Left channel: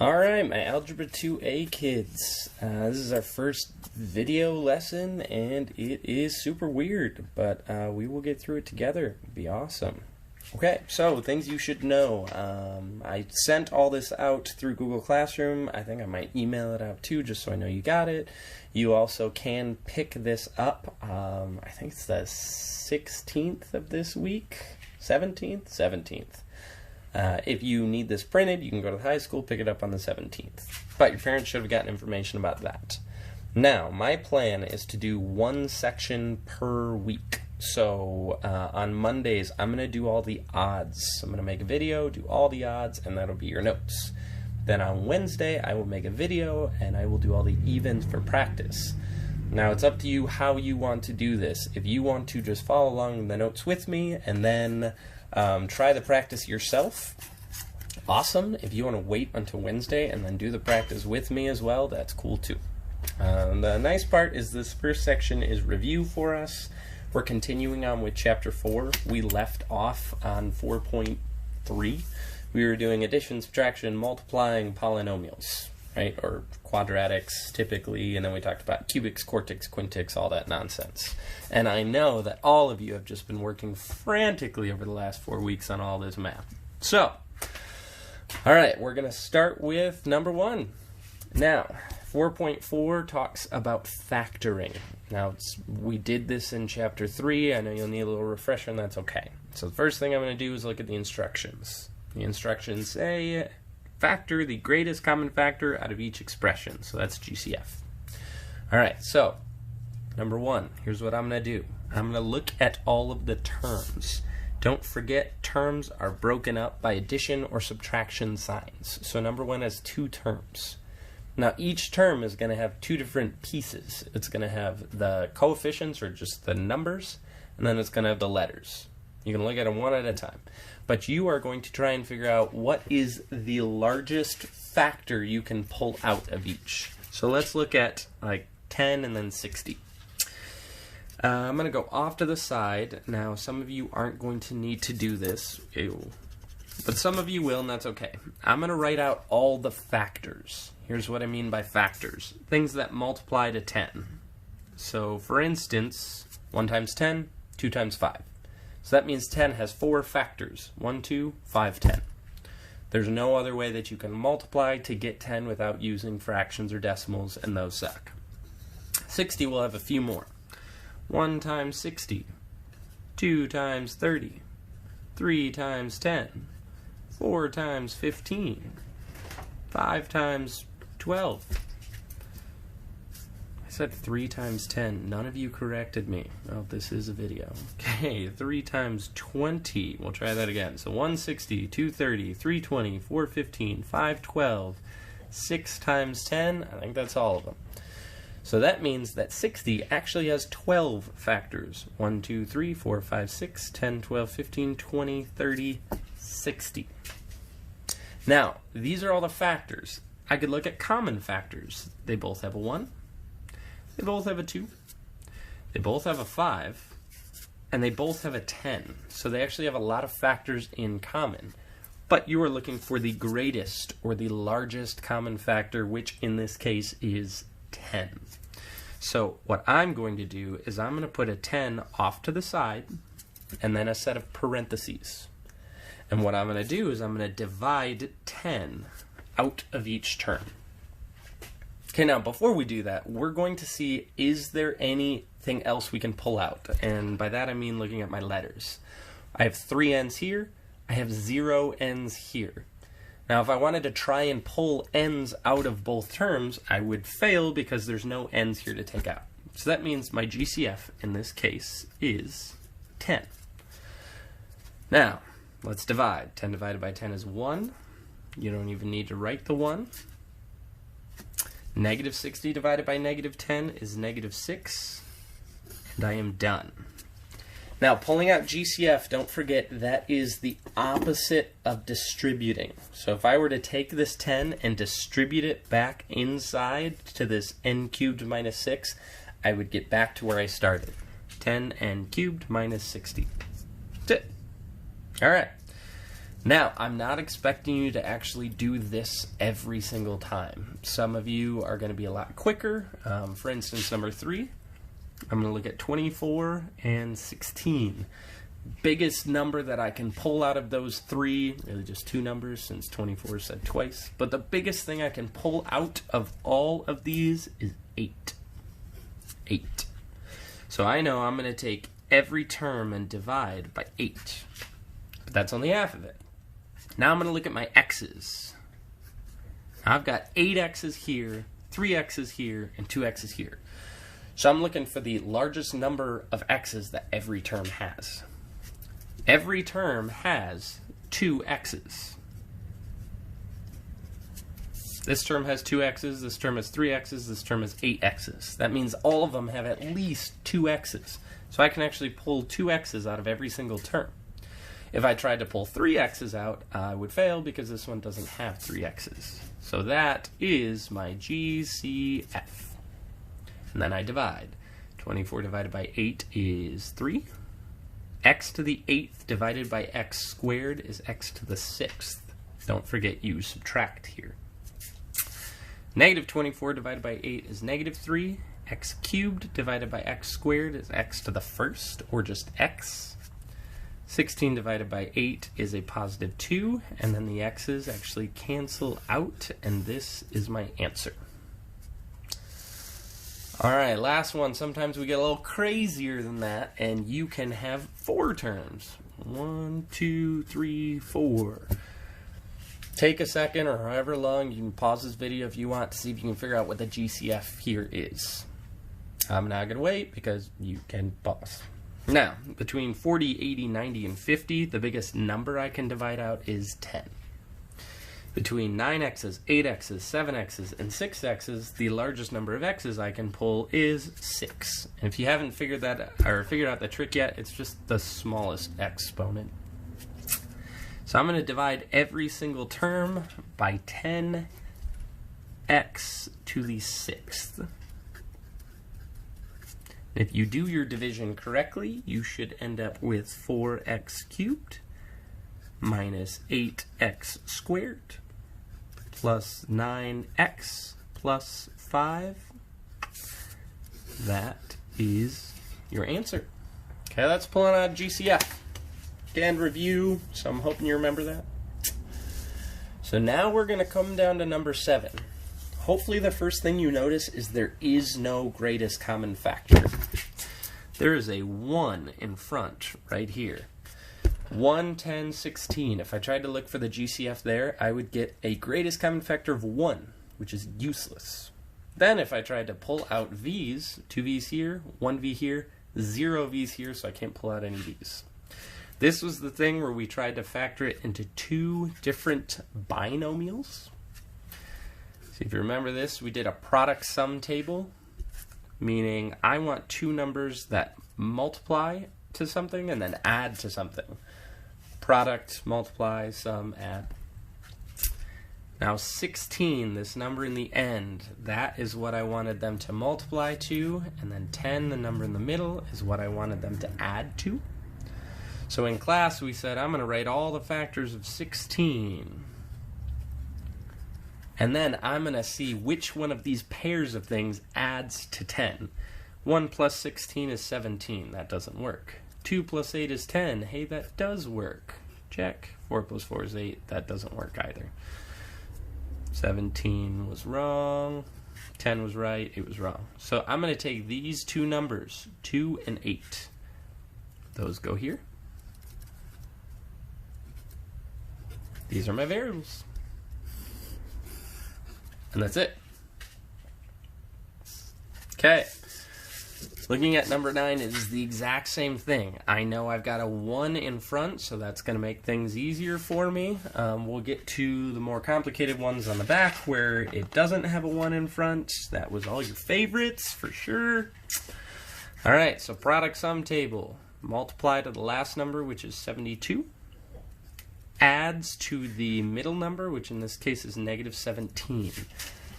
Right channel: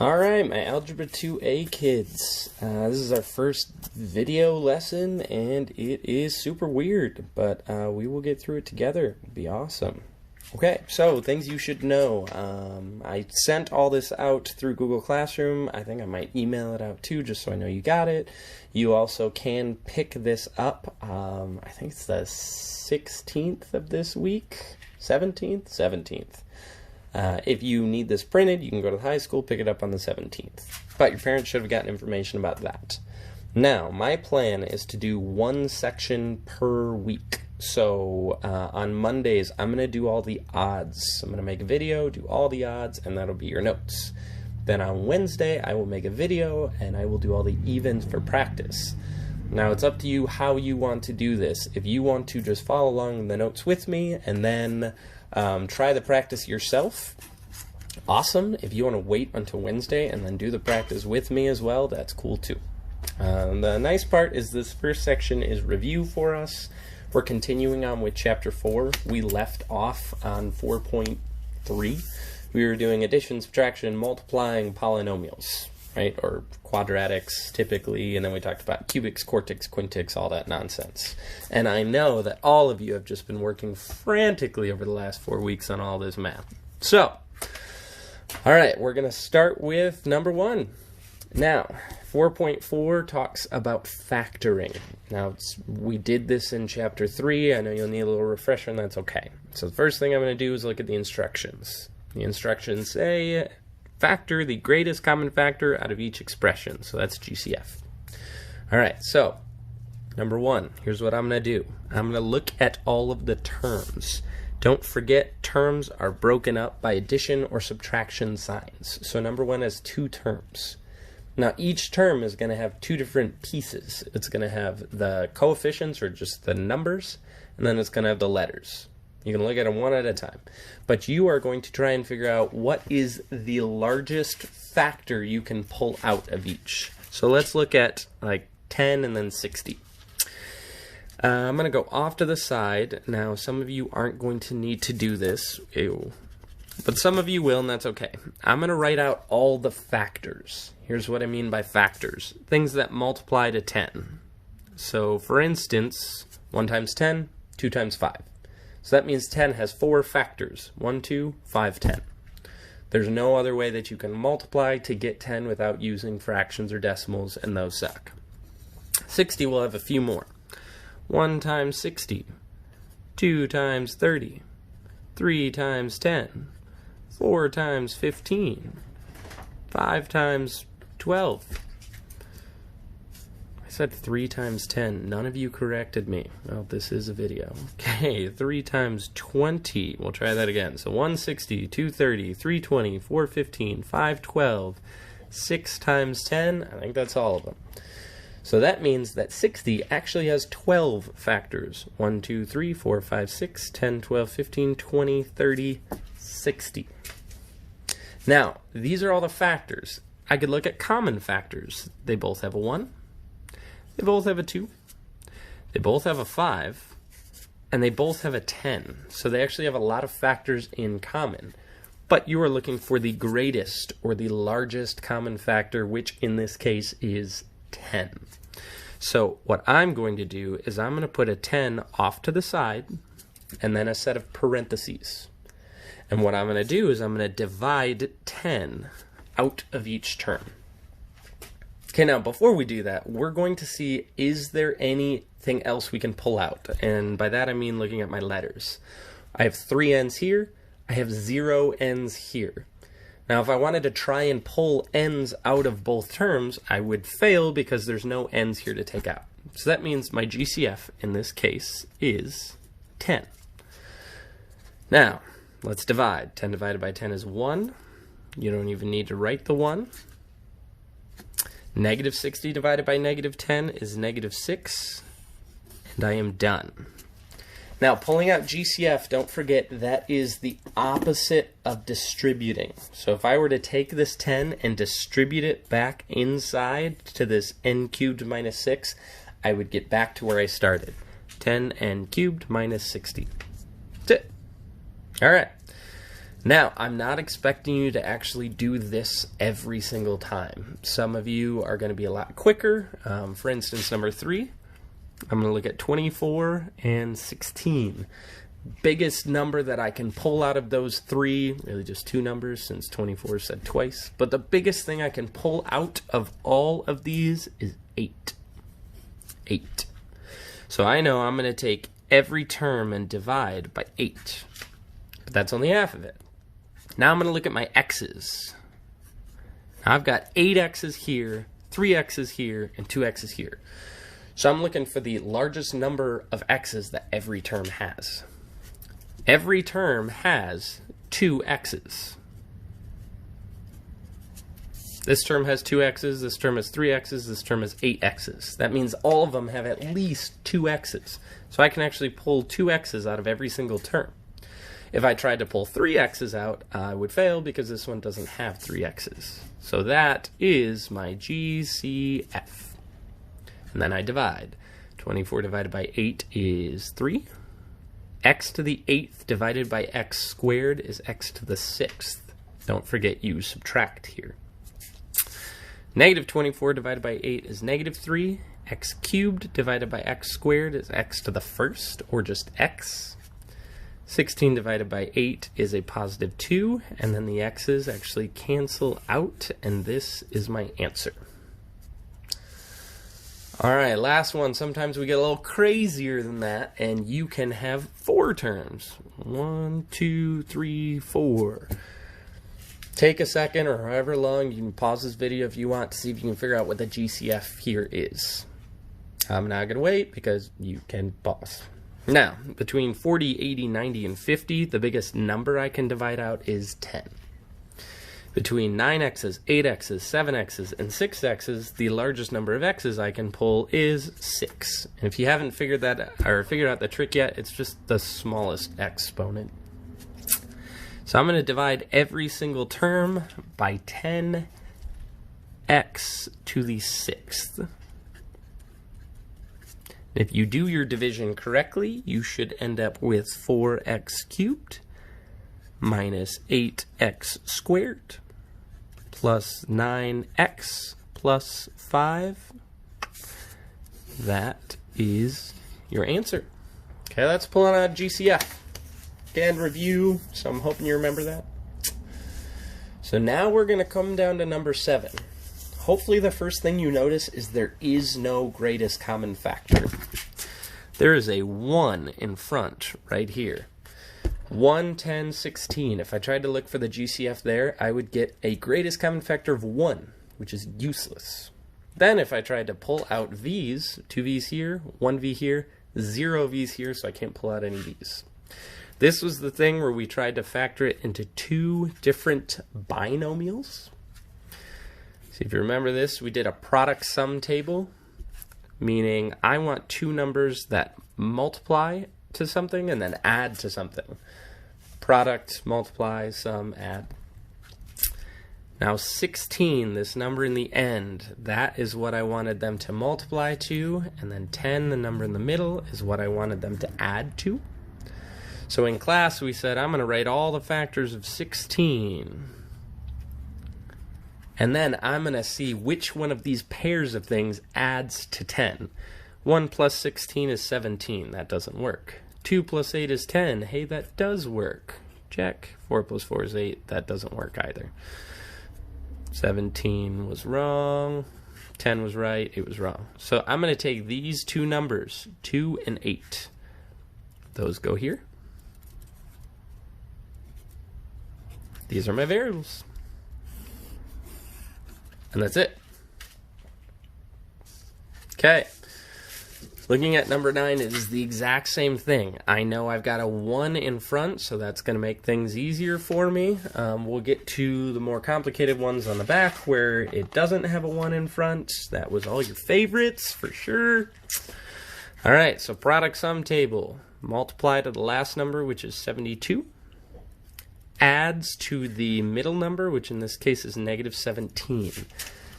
All right, my Algebra 2A kids. This is our first video lesson, and it is super weird, but we will get through it together. It'll be awesome. Okay, so things you should know. I sent all this out through Google Classroom. I think I might email it out too, just so I know you got it. You also can pick this up. I think it's the 16th of this week. 17th? 17th. If you need this printed, you can go to the high school, pick it up on the 17th. But your parents should have gotten information about that. Now, my plan is to do one section per week. So on Mondays, I'm going to do all the odds. I'm going to make a video, do all the odds, and that'll be your notes. Then on Wednesday, I will make a video, and I will do all the evens for practice. Now, it's up to you how you want to do this. If you want to just follow along in the notes with me, and then try the practice yourself, awesome. If you want to wait until Wednesday and then do the practice with me as well, that's cool too. The nice part is this first section is review for us. We're continuing on with chapter 4. We left off on 4.3. We were doing addition, subtraction, multiplying polynomials, right? Or quadratics typically, and then we talked about cubics, quartics, quintics, all that nonsense. And I know that all of you have just been working frantically over the last 4 weeks on all this math. So, all right, we're going to start with number 1. Now, 4.4 talks about factoring. Now, we did this in chapter 3. I know you'll need a little refresher, and that's okay. So the first thing I'm going to do is look at the instructions. The instructions say factor the greatest common factor out of each expression. So that's GCF. All right, so number 1, here's what I'm going to do. I'm going to look at all of the terms. Don't forget, terms are broken up by addition or subtraction signs. So number 1 has 2 terms. Now, each term is going to have 2 different pieces. It's going to have the coefficients, or just the numbers, and then it's going to have the letters. You can look at them one at a time. But you are going to try and figure out what is the largest factor you can pull out of each. So let's look at like 10 and then 60. I'm going to go off to the side. Now, some of you aren't going to need to do this. Ew. But some of you will, and that's okay. I'm going to write out all the factors. Here's what I mean by factors. Things that multiply to 10. So, for instance, 1 times 10, 2 times 5. So that means 10 has 4 factors. 1, 2, 5, 10. There's no other way that you can multiply to get 10 without using fractions or decimals, and those suck. 60 will have a few more. 1 times 60, 2 times 30, 3 times 10, 4 times 15, 5 times 12. I said 3 times 10. None of you corrected me. Well, this is a video. Okay, 3 times 20. We'll try that again. So 160, 230, 320, 415, 512, 6 times 10. I think that's all of them. So that means that 60 actually has 12 factors. 1, 2, 3, 4, 5, 6, 10, 12, 15, 20, 30, 60. Now, these are all the factors. I could look at common factors. They both have a 1. They both have a 2. They both have a 5. And they both have a 10. So they actually have a lot of factors in common. But you are looking for the greatest or the largest common factor, which in this case is 10. So what I'm going to do is I'm going to put a 10 off to the side and then a set of parentheses. And what I'm going to do is I'm going to divide 10 out of each term. Okay, now before we do that, we're going to see, is there anything else we can pull out? And by that I mean looking at my letters. I have 3 n's here. I have 0 n's here. Now, if I wanted to try and pull n's out of both terms, I would fail because there's no n's here to take out. So that means my GCF in this case is 10. Now, let's divide. 10 divided by 10 is 1. You don't even need to write the 1. Negative 60 divided by negative 10 is negative 6. And I am done. Now, pulling out GCF, don't forget, that is the opposite of distributing. So if I were to take this 10 and distribute it back inside to this n cubed minus 6, I would get back to where I started. 10n cubed minus 60. That's it. All right. Now, I'm not expecting you to actually do this every single time. Some of you are going to be a lot quicker. For instance, number 3, I'm going to look at 24 and 16. Biggest number that I can pull out of those 3, really just 2 numbers since 24 is said twice, but the biggest thing I can pull out of all of these is 8. 8. So I know I'm going to take every term and divide by 8, but that's only half of it. Now I'm going to look at my x's. Now I've got 8 x's here, 3 x's here, and 2 x's here. So I'm looking for the largest number of x's that every term has. Every term has 2 x's. This term has 2 x's, this term has 3 x's, this term has 8 x's. That means all of them have at least 2 x's. So I can actually pull 2 x's out of every single term. If I tried to pull 3 x's out, I would fail because this one doesn't have 3 x's. So that is my GCF. And then I divide. 24 divided by 8 is 3. X to the 8th divided by x squared is x to the 6th. Don't forget you subtract here. Negative 24 divided by 8 is negative 3. X cubed divided by x squared is x to the 1st, or just x. 16 divided by 8 is a positive 2, and then the x's actually cancel out, and this is my answer. All right, last one. Sometimes we get a little crazier than that, and you can have 4 terms. 1, 2, 3, 4. Take a second, or however long, you can pause this video if you want to see if you can figure out what the GCF here is. I'm not going to wait because you can pause. Now, between 40, 80, 90, and 50, the biggest number I can divide out is 10. Between 9x's, 8x's, 7x's, and 6x's, the largest number of x's I can pull is 6. And if you haven't figured out the trick yet, it's just the smallest exponent. So I'm going to divide every single term by 10x to the 6th. If you do your division correctly, you should end up with 4x cubed minus 8x squared plus 9x plus 5. That is your answer. Okay, let's pull out a GCF and review, so I'm hoping you remember that. So now we're going to come down to number 7. Hopefully the first thing you notice is there is no greatest common factor. There is a 1 in front right here. 1, 10, 16. If I tried to look for the GCF there, I would get a greatest common factor of 1, which is useless. Then if I tried to pull out v's, 2 v's here, 1 v here, 0 v's here, so I can't pull out any v's. This was the thing where we tried to factor it into 2 different binomials. So if you remember this, we did a product sum table, meaning I want 2 numbers that multiply to something and then add to something. Product, multiply, sum, add. Now 16, this number in the end, that is what I wanted them to multiply to, and then 10, the number in the middle, is what I wanted them to add to. So in class we said I'm going to write all the factors of 16. And then I'm going to see which one of these pairs of things adds to 10. 1 plus 16 is 17. That doesn't work. 2 plus 8 is 10. Hey, that does work. Check. 4 plus 4 is 8. That doesn't work either. 17 was wrong. 10 was right. It was wrong. So I'm going to take these 2 numbers, 2 and 8. Those go here. These are my variables. And that's it. Okay. Looking at number 9, it is the exact same thing. I know I've got a 1 in front, so that's going to make things easier for me. We'll get to the more complicated ones on the back where it doesn't have a 1 in front. That was all your favorites, for sure. All right, so product sum table. Multiply to the last number, which is 72. Adds to the middle number, which in this case is negative 17.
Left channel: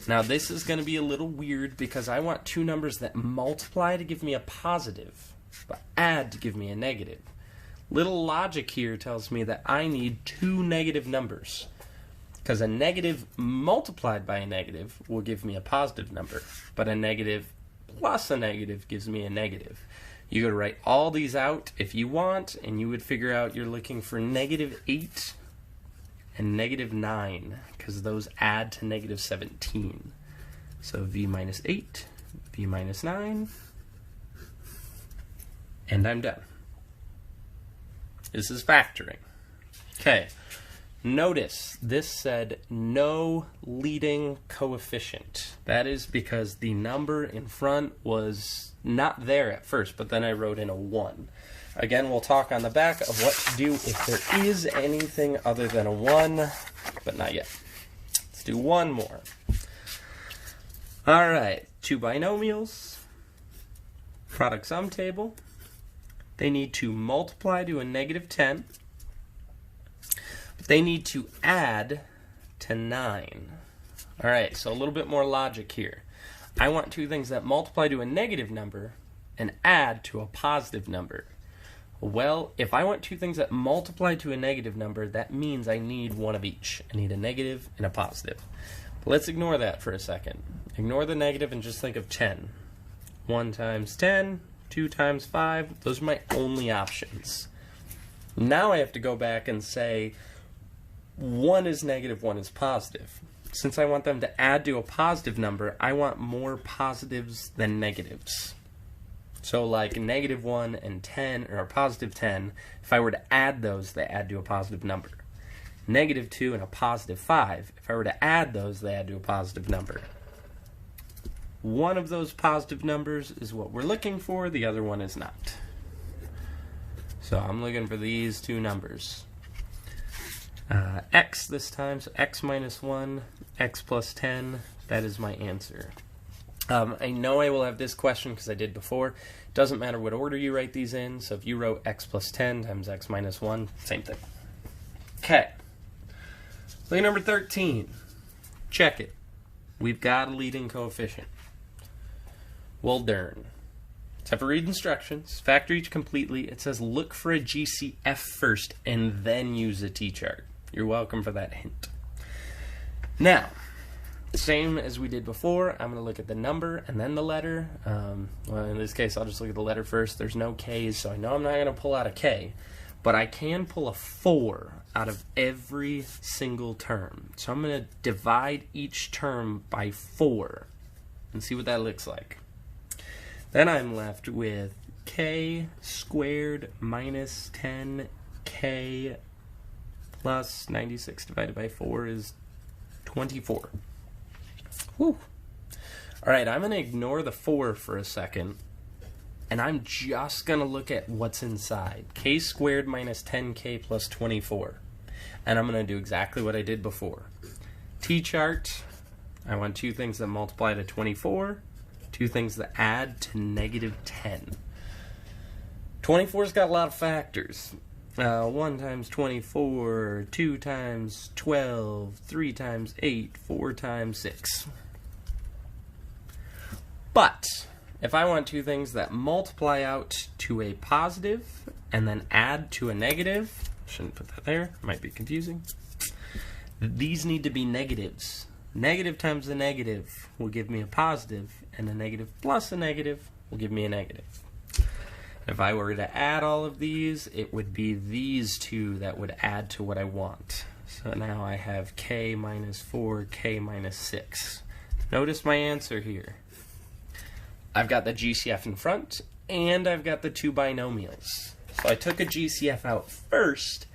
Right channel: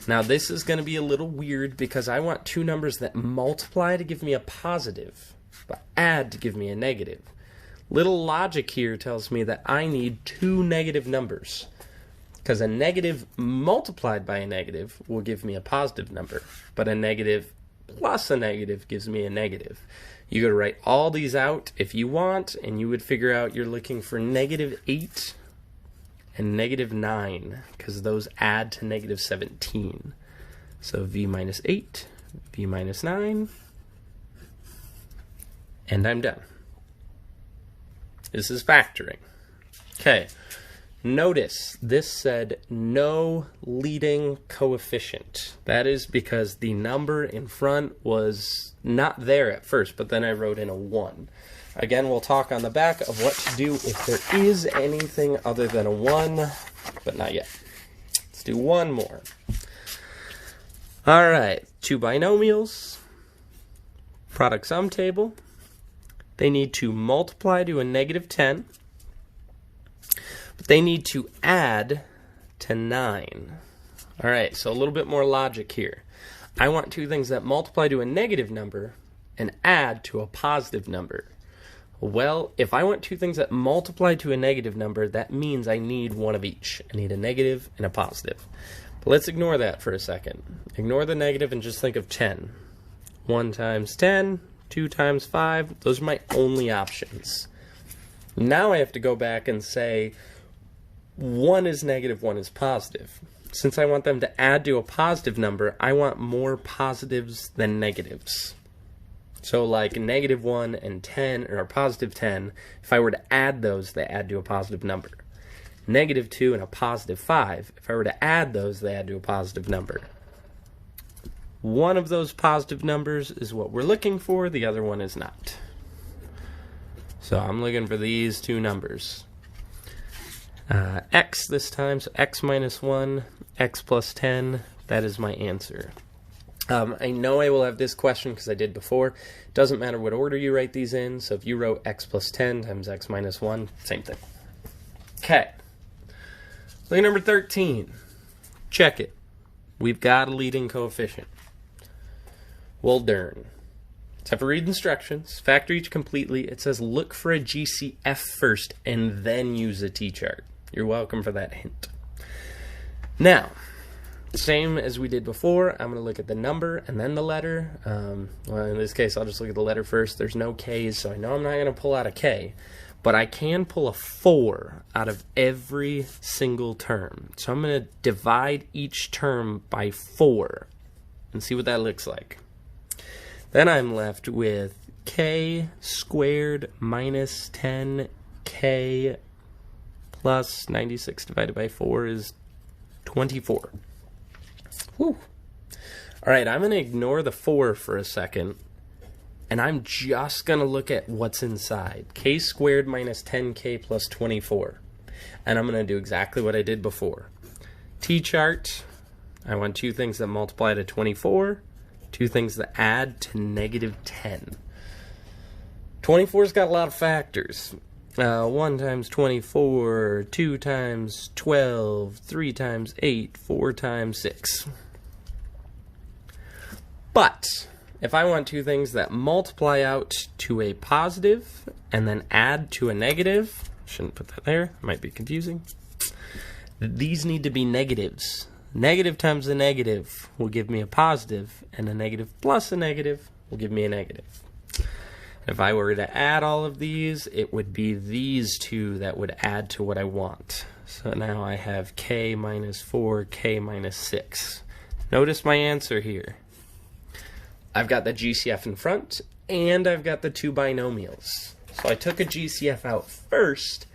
Now this is going to be a little weird because I want 2 numbers that multiply to give me a positive, but add to give me a negative. Little logic here tells me that I need two negative numbers, because a negative multiplied by a negative will give me a positive number, but a negative plus a negative gives me a negative. You could write all these out if you want, and you would figure out you're looking for -8 and -9, because those add to -17. So v minus 8, v minus 9, and I'm done. This is factoring. Okay, notice this said no leading coefficient. That is because the number in front was not there at first, but then I wrote in a 1. Again, we'll talk on the back of what to do if there is anything other than a 1, but not yet. Let's do one more. All right, two binomials, product sum table. They need to multiply to a -10, but they need to add to 9. All right, so a little bit more logic here. I want two things that multiply to a negative number and add to a positive number. Well, if I want two things that multiply to a negative number, that means I need one of each. I need a negative and a positive. But let's ignore that for a second. Ignore the negative and just think of 10. 1 times 10, 2 times 5, those are my only options. Now I have to go back and say 1 is negative, 1 is positive. Since I want them to add to a positive number, I want more positives than negatives. So like -1 and 10, or a positive 10, if I were to add those, they add to a positive number. -2 and a positive 5, if I were to add those, they add to a positive number. One of those positive numbers is what we're looking for, the other one is not. So I'm looking for these two numbers. X this time, so x minus 1, x plus 10, that is my answer. I know I will have this question because I did before. Doesn't matter what order you write these in, so if you wrote x plus 10 times x minus 1, same thing. Okay. Look at number 13. Check it. We've got a leading coefficient. Well done. Let's have to read instructions. Factor each completely. It says look for a GCF first and then use a t-chart. You're welcome for that hint. Now, same as we did before, I'm going to look at the number and then the letter. Well, in this case, I'll just look at the letter first. There's no K's, so I know I'm not going to pull out a K. But I can pull a 4 out of every single term. So I'm going to divide each term by 4 and see what that looks like. Then I'm left with k squared minus 10k plus 96 divided by 4 is 24. Whew. Alright, I'm going to ignore the 4 for a second, and I'm just going to look at what's inside. K squared minus 10k plus 24. And I'm going to do exactly what I did before. T-chart, I want two things that multiply to 24, two things that add to -10. 24's got a lot of factors. 1 times 24, 2 times 12, 3 times 8, 4 times 6. But if I want two things that multiply out to a positive and then add to a negative, shouldn't put that there, might be confusing. These need to be negatives. Negative times a negative will give me a positive, and a negative plus a negative will give me a negative. If I were to add all of these, it would be these two that would add to what I want. So now I have k minus 4, k minus 6. Notice my answer here. I've got the GCF in front, and I've got the two binomials. So I took a GCF out first,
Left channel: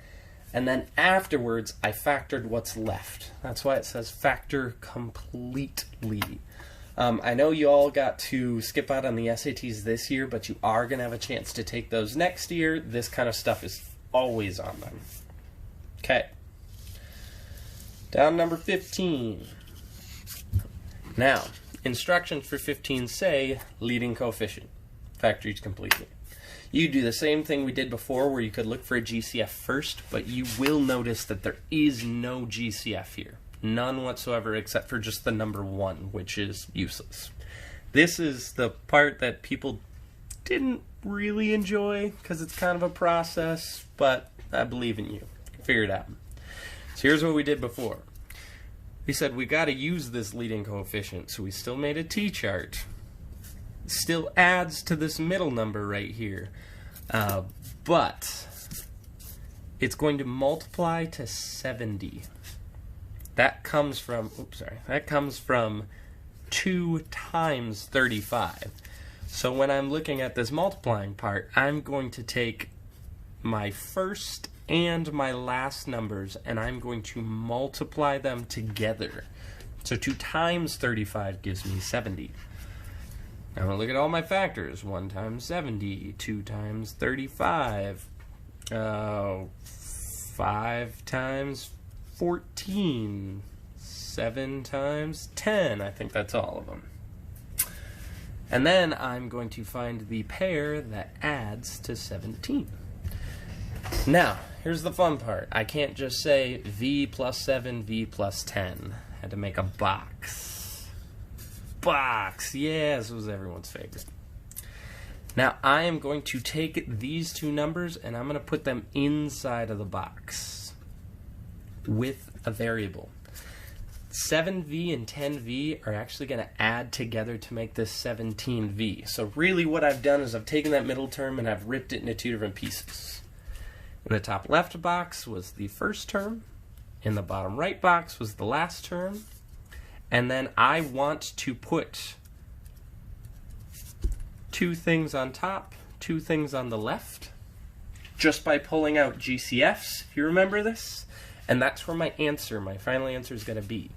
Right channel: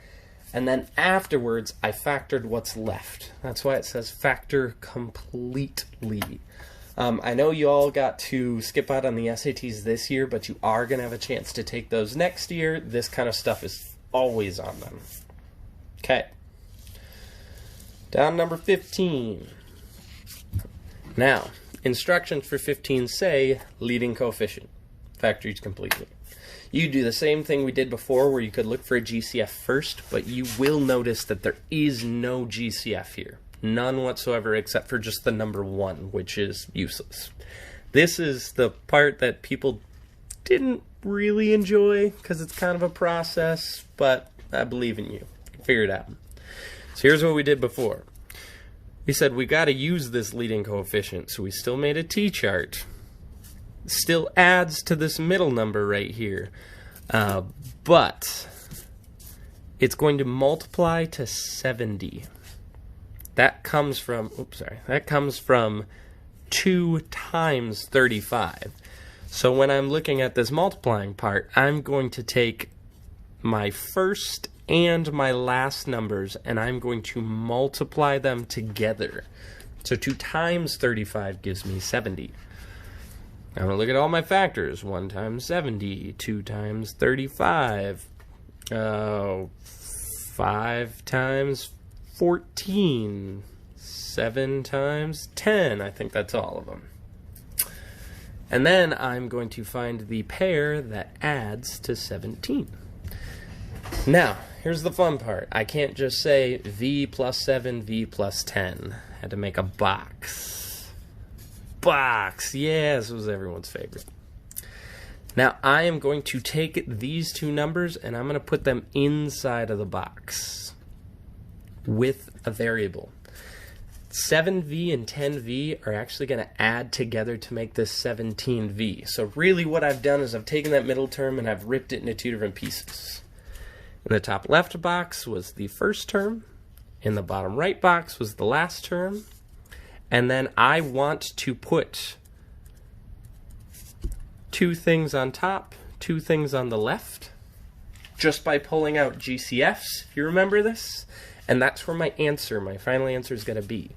and then afterwards I factored what's left. That's why it says factor completely. I know you all got to skip out on the SATs this year, but you are going to have a chance to take those next year. This kind of stuff is always on them. Okay. Down number 15. Now, instructions for 15 say leading coefficient. Factor each completely. You do the same thing we did before where you could look for a GCF first, but you will notice that there is no GCF here. None whatsoever except for just the number 1, which is useless. This is the part that people didn't really enjoy because it's kind of a process, but I believe in you. Figure it out. So here's what we did before. We said we got to use this leading coefficient, so we still made a t-chart. Still adds to this middle number right here, but it's going to multiply to 70. That comes from, that comes from 2 times 35. So when I'm looking at this multiplying part, I'm going to take my first and my last numbers, and I'm going to multiply them together. So 2 times 35 gives me 70. I'm going to look at all my factors. 1 times 70, 2 times 35, 5 times 14, 7 times 10. I think that's all of them. And then I'm going to find the pair that adds to 17. Now, here's the fun part. I can't just say v plus 7, v plus 10. I had to make a box. Box! Yeah, this was everyone's favorite. Now, I am going to take these two numbers and I'm going to put them inside of the box with a variable. 7v and 10v are actually going to add together to make this 17v. So really what I've done is I've taken that middle term and I've ripped it into 2 different pieces. In the top left box was the first term. In the bottom right box was the last term. And then I want to put 2 things on top, 2 things on the left, just by pulling out GCFs, if you remember this. And that's where my answer, my final answer is going to be.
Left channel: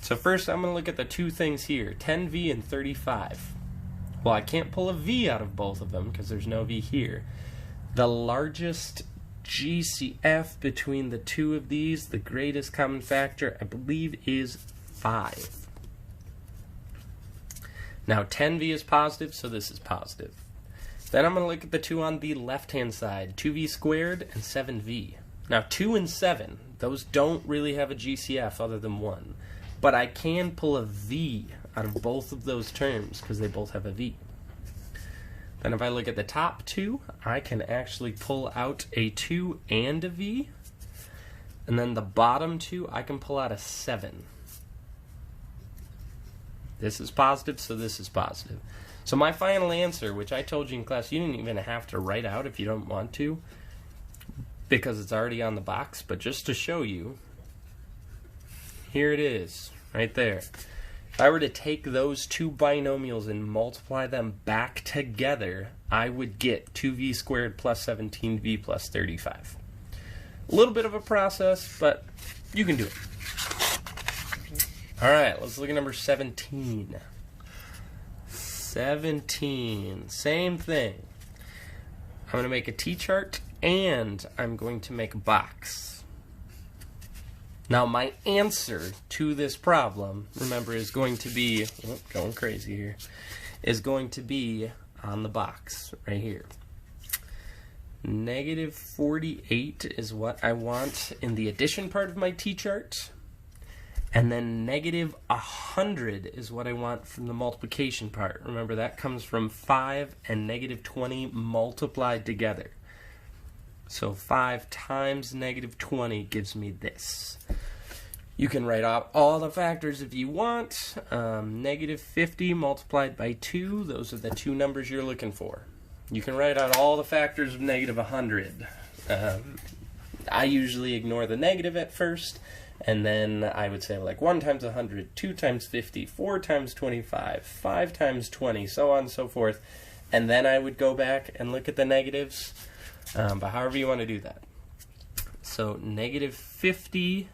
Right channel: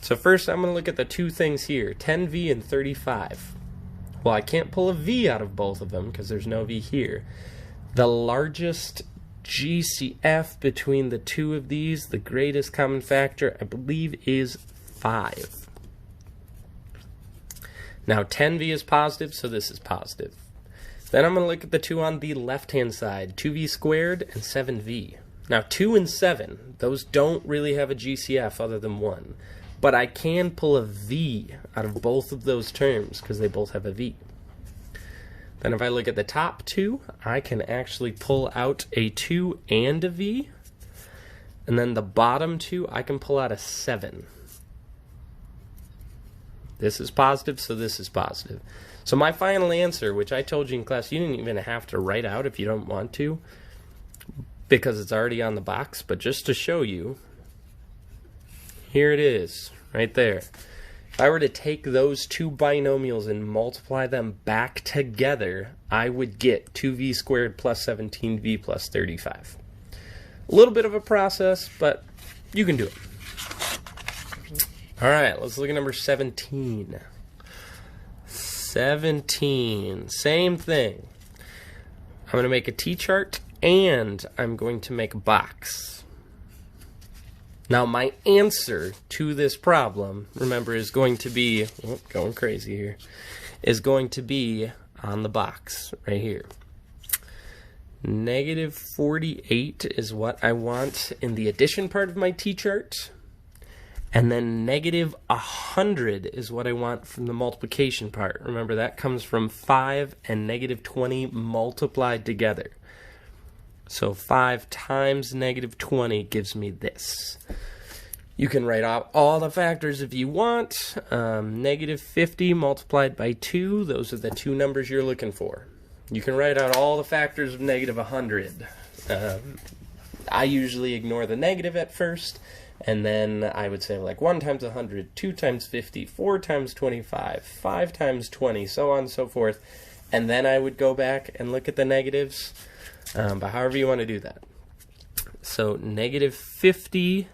So first I'm going to look at the 2 things here, 10v and 35. Well, I can't pull a v out of both of them because there's no v here. The largest GCF between the 2 of these, the greatest common factor, I believe is 5. Now 10v is positive, so this is positive. Then I'm going to look at the 2 on the left-hand side, 2v squared and 7v. Now 2 and 7, those don't really have a GCF other than 1. But I can pull a v out of both of those terms because they both have a v. Then if I look at the top 2, I can actually pull out a 2 and a v. And then the bottom 2, I can pull out a 7. This is positive, so this is positive. So my final answer, which I told you in class, you didn't even have to write out if you don't want to, because it's already on the box, but just to show you, here it is, right there. If I were to take those 2 binomials and multiply them back together, I would get 2v squared plus 17v plus 35. A little bit of a process, but you can do it. All right, let's look at number 17. 17, same thing. I'm going to make a t-chart and I'm going to make a box. Now my answer to this problem, remember, is going to be, going crazy here, is going to be on the box right here. Negative 48 is what I want in the addition part of my t-chart. And then negative 100 is what I want from the multiplication part. Remember, that comes from 5 and negative 20 multiplied together. So 5 times negative 20 gives me this. You can write out all the factors if you want. Negative 50 multiplied by 2, those are the 2 numbers you're looking for. You can write out all the factors of negative 100. I usually ignore the negative at first, and then I would say like 1 times 100, 2 times 50, 4 times 25, 5 times 20, so on and so forth. And then I would go back and look at the negatives. But however you want to do that. So negative 50n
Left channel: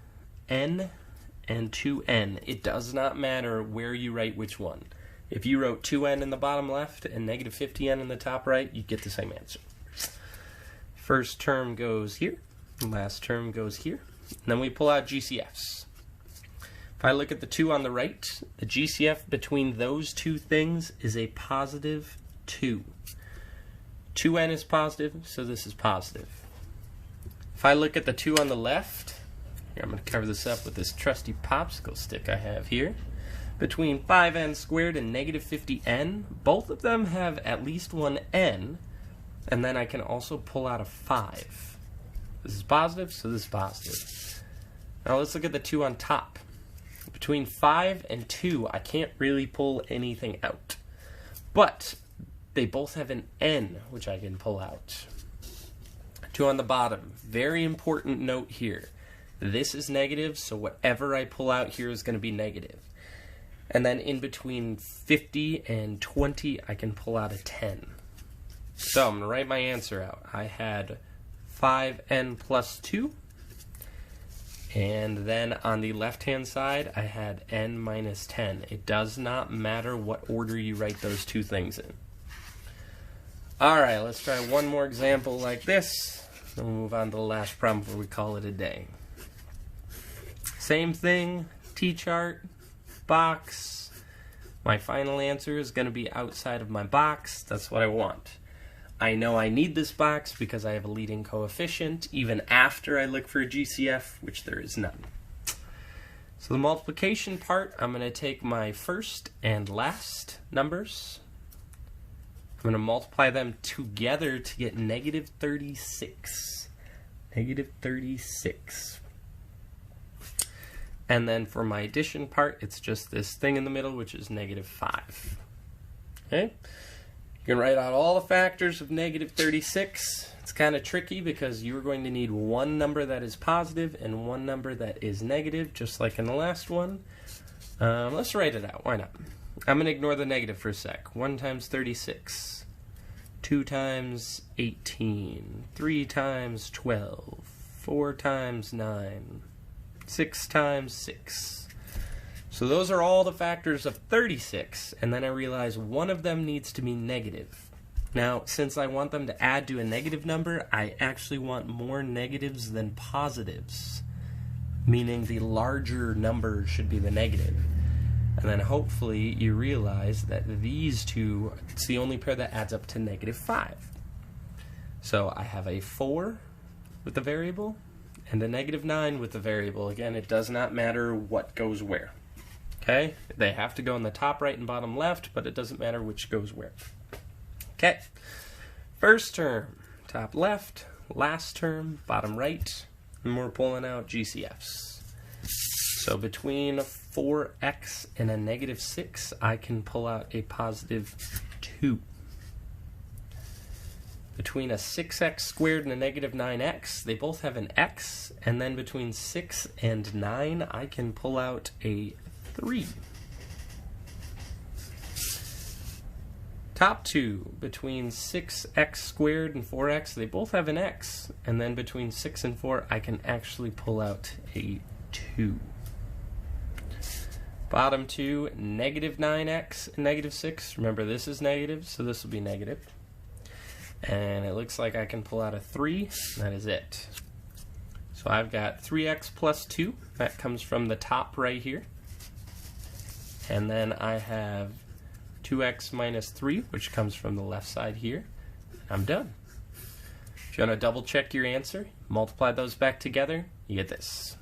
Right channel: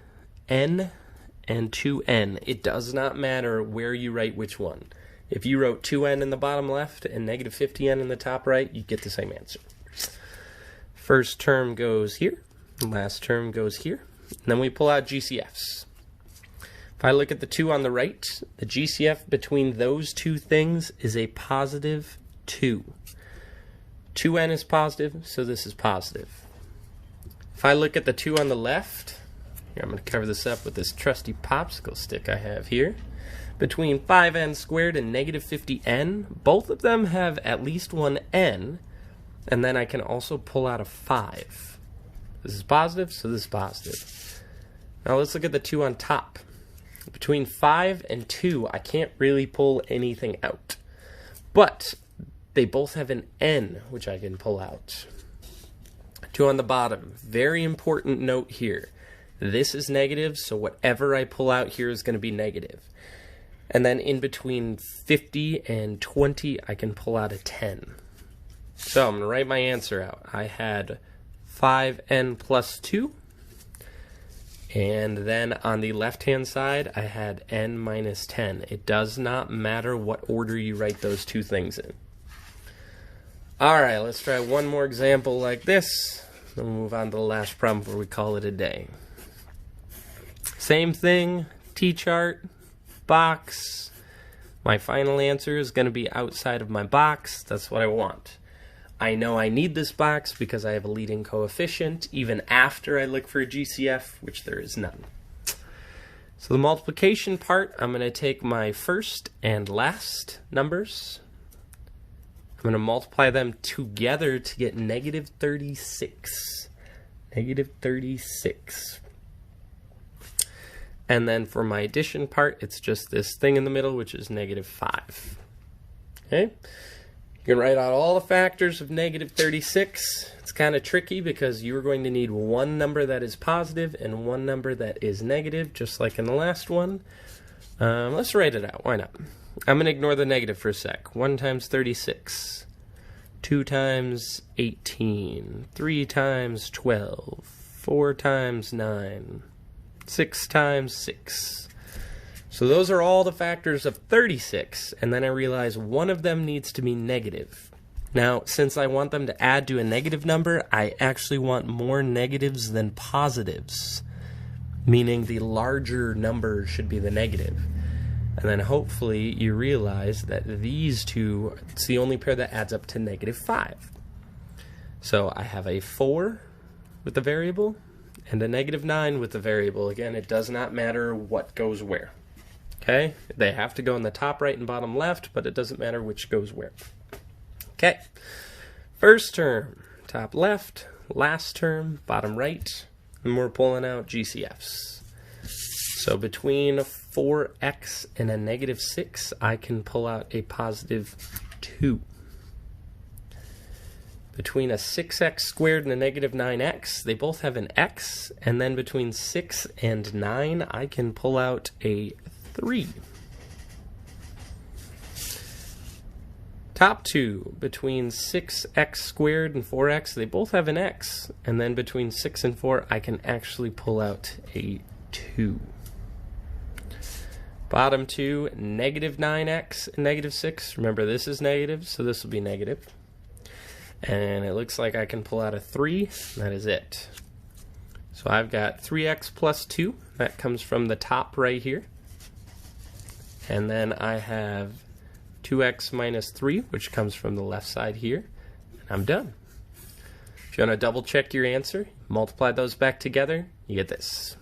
and 2n. It does not matter where you write which one. If you wrote 2n in the bottom left and negative 50n in the top right, you get the same answer. First term goes here. Last term goes here. And then we pull out GCFs. If I look at the 2 on the right, the GCF between those 2 things is a positive 2. 2n is positive, so this is positive. If I look at the 2 on the left, here, I'm going to cover this up with this trusty popsicle stick I have here. Between 5n squared and negative 50n, both of them have at least one n, and then I can also pull out a 5. This is positive, so this is positive. Now let's look at the 2 on top. Between 5 and 2, I can't really pull anything out. But they both have an n, which I can pull out. 2 on the bottom. Very important note here. This is negative, so whatever I pull out here is going to be negative. And then in between 50 and 20, I can pull out a 10. So I'm going to write my answer out. I had 5n plus 2. And then on the left-hand side, I had n minus 10. It does not matter what order you write those two things in. All right, let's try one more example like this. Then we'll move on to the last problem before we call it a day. Same thing, T-chart, box. My final answer is going to be outside of my box. That's what I want. I know I need this box because I have a leading coefficient, even after I look for a GCF, which there is none. So the multiplication part, I'm going to take my first and last numbers. I'm going to multiply them together to get negative 36. Negative 36. And then for my addition part, it's just this thing in the middle, which is negative 5. Okay? You can write out all the factors of negative 36. It's kind of tricky because you're going to need one number that is positive and one number that is negative, just like in the last one. Let's write it out. Why not? I'm going to ignore the negative for a sec. 1 times 36. 2 times 18. 3 times 12. 4 times 9. 6 times 6. So those are all the factors of 36, and then I realize one of them needs to be negative. Now, since I want them to add to a negative number, I actually want more negatives than positives, meaning the larger number should be the negative. And then hopefully you realize that these two, it's the only pair that adds up to negative 5. So I have a 4 with the variable and a negative 9 with the variable. Again, it does not matter what goes where. Okay, they have to go in the top right and bottom left, but it doesn't matter which goes where. Okay, first term, top left, last term, bottom right, and we're pulling out GCFs. So between 4x and a negative 6, I can pull out a positive 2. Between a 6x squared and a negative 9x, they both have an x, and then between 6 and 9, I can pull out a 3. Top two, between 6x squared and 4x, they both have an x, and then between 6 and 4, I can actually pull out a 2. Bottom two, negative 9x and negative 6. Remember, this is negative, so this will be negative. And it looks like I can pull out a 3. That is it. So I've got 3x plus 2. That comes from the top right here. And then I have 2x minus 3, which comes from the left side here. And I'm done. If you want to double check your answer, multiply those back together, you get this.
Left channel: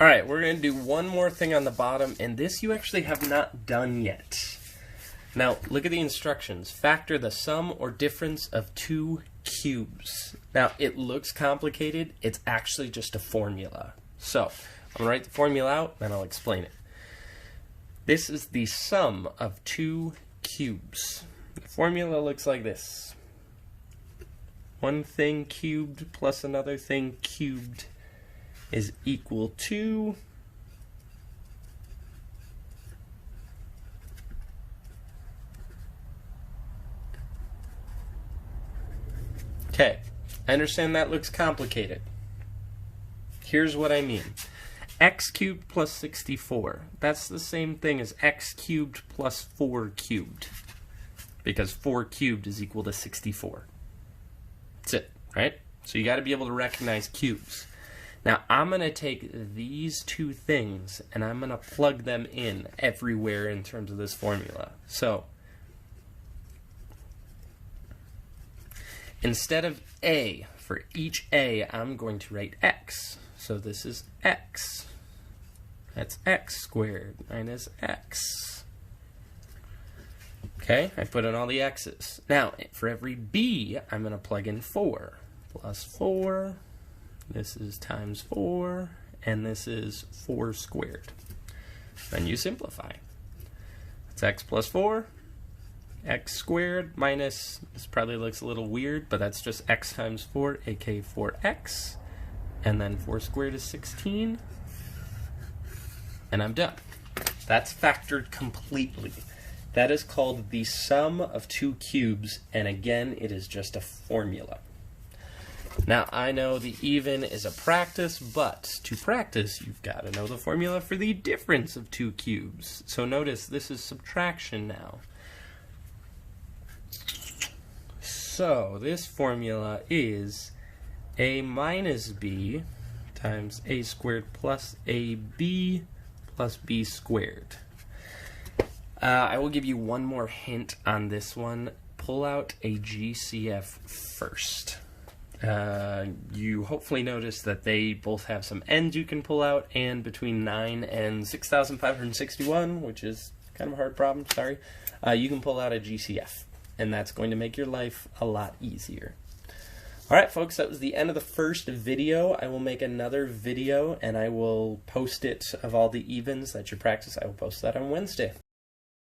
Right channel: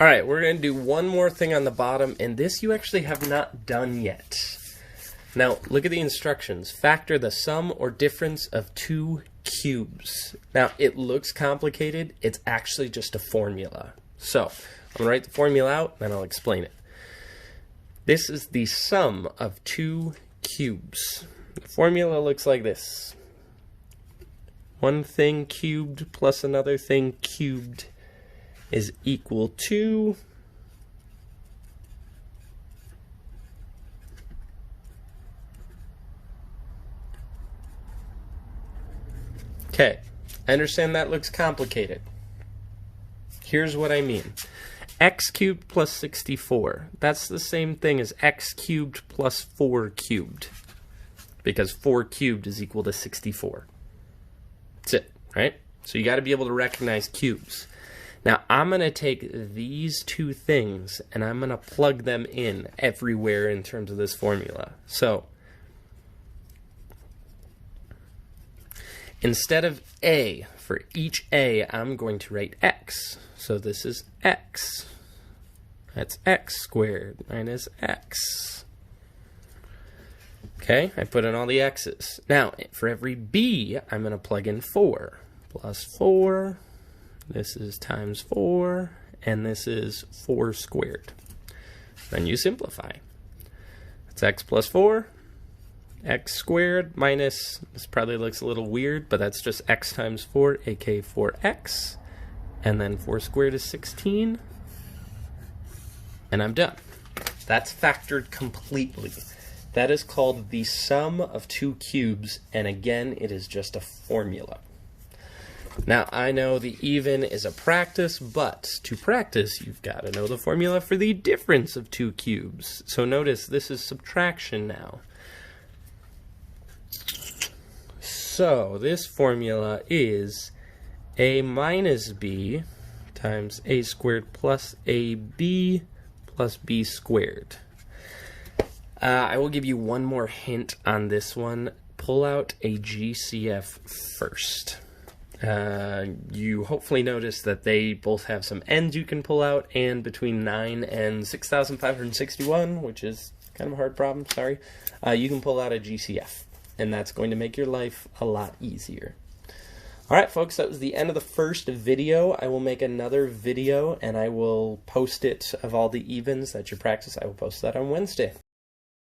All right, we're going to do one more thing on the bottom, and this you actually have not done yet. Now, look at the instructions. Factor the sum or difference of two cubes. Now, it looks complicated. It's actually just a formula. So, I'm going to write the formula out, and I'll explain it. This is the sum of two cubes. The formula looks like this. One thing cubed plus another thing cubed is equal to okay, I understand that looks complicated. Here's what I mean. X cubed plus 64. That's the same thing as x cubed plus 4 cubed. Because 4 cubed is equal to 64. That's it, right? So you got to be able to recognize cubes. Now I'm going to take these two things and I'm going to plug them in everywhere in terms of this formula. So instead of a, for each a, I'm going to write x. So this is x. That's x squared minus x. Okay. Okay, I put in all the x's. Now, for every b, I'm going to plug in 4. Plus 4, this is times 4, and this is 4 squared. Then you simplify. It's x plus 4, x squared minus, this probably looks a little weird, but that's just x times 4, aka 4x. And then 4 squared is 16. And I'm done. That's factored completely. That is called the sum of two cubes, and again, it is just a formula. Now, I know the even is a practice, but to practice, you've got to know the formula for the difference of two cubes. So notice, this is subtraction now. So, this formula is a minus b times a squared plus ab plus b squared. I will give you one more hint on this one. Pull out a GCF first. You hopefully notice that they both have some ends you can pull out, and between 9 and 6,561, which is kind of a hard problem, sorry, you can pull out a GCF, and that's going to make your life a lot easier. Alright folks, that was the end of the first video. I will make another video, and I will post it of all the evens that you practice. I will post that on Wednesday.